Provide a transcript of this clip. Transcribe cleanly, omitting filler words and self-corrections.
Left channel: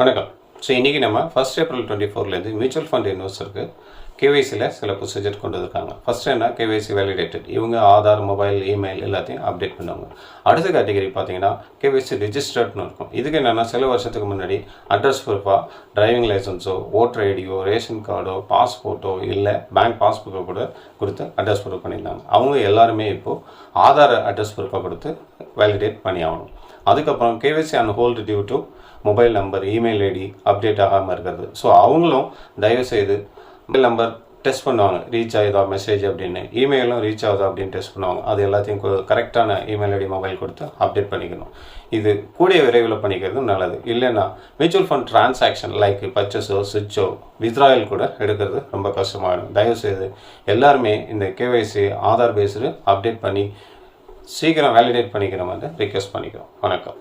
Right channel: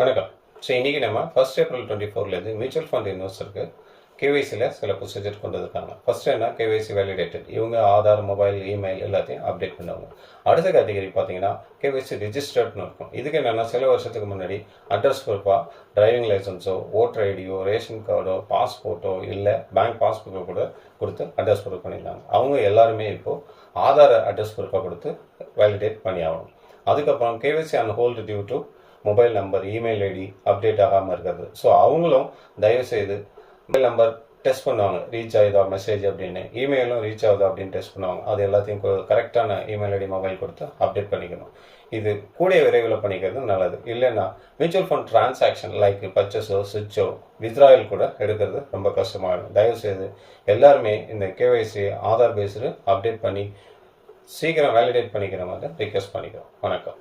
வணக்கம். ஸோ இன்றைக்கி நம்ம 1 April 2024 மியூச்சுவல் ஃபண்ட் இன்வெஸ்டருக்கு கேவைசியில் சில ப்ரொசீஜர் கொண்டு வந்திருக்காங்க. ஃபஸ்ட்டு என்ன, கேவைசி வேலிடேட்டட். இவங்க ஆதார், மொபைல், இமெயில் எல்லாத்தையும் அப்டேட் பண்ணுவாங்க. அடுத்த கேட்டகரி பார்த்தீங்கன்னா கேவைசி ரிஜிஸ்டர்ட்னு இருக்கும். இதுக்கு என்னென்னா, சில வருஷத்துக்கு முன்னாடி அட்ரஸ் ப்ரூஃபாக டிரைவிங் லைசன்ஸோ, ஓட்டர் ஐடியோ, ரேஷன் கார்டோ, பாஸ்போர்ட்டோ இல்லை பேங்க் பாஸ்புக்கோ கூட கொடுத்து அட்ரஸ் ப்ரூஃப் பண்ணியிருந்தாங்க. அவங்க எல்லாருமே இப்போது ஆதார் அட்ரஸ் ப்ரூஃபாக கொடுத்து வேலிடேட் பண்ணி ஆகணும். அதுக்கப்புறம் KYC on hold due to mobile number, email ID update ஆகாமல் இருக்கிறது. ஸோ அவங்களும் தயவுசெய்து மொபைல் நம்பர் டெஸ்ட் பண்ணுவாங்க, ரீச் ஆகுதா மெசேஜ் அப்படின்னு, இமெயிலும் ரீச் ஆகுதா அப்படின்னு டெஸ்ட் பண்ணுவாங்க. அது எல்லாத்தையும் கரெக்டான இமெயில் ஐடி, மொபைல் கொடுத்து அப்டேட் பண்ணிக்கணும். இது கூடிய விரைவில் பண்ணிக்கிறது நல்லது. இல்லைன்னா மியூச்சுவல் ஃபண்ட் டிரான்சாக்ஷன் லைக் பர்ச்சஸோ, சுவிட்சோ, வித்ராயல் கூட எடுக்கிறது ரொம்ப கஷ்டமாகிடும். தயவுசெய்து எல்லாருமே இந்த கேவைசி ஆதார் பேஸ்டு அப்டேட் பண்ணி சீக்கிரம் வேலிடேட் பண்ணிக்கிற மாதிரி ரிக்வெஸ்ட் பண்ணிக்கிறோம். வணக்கம்.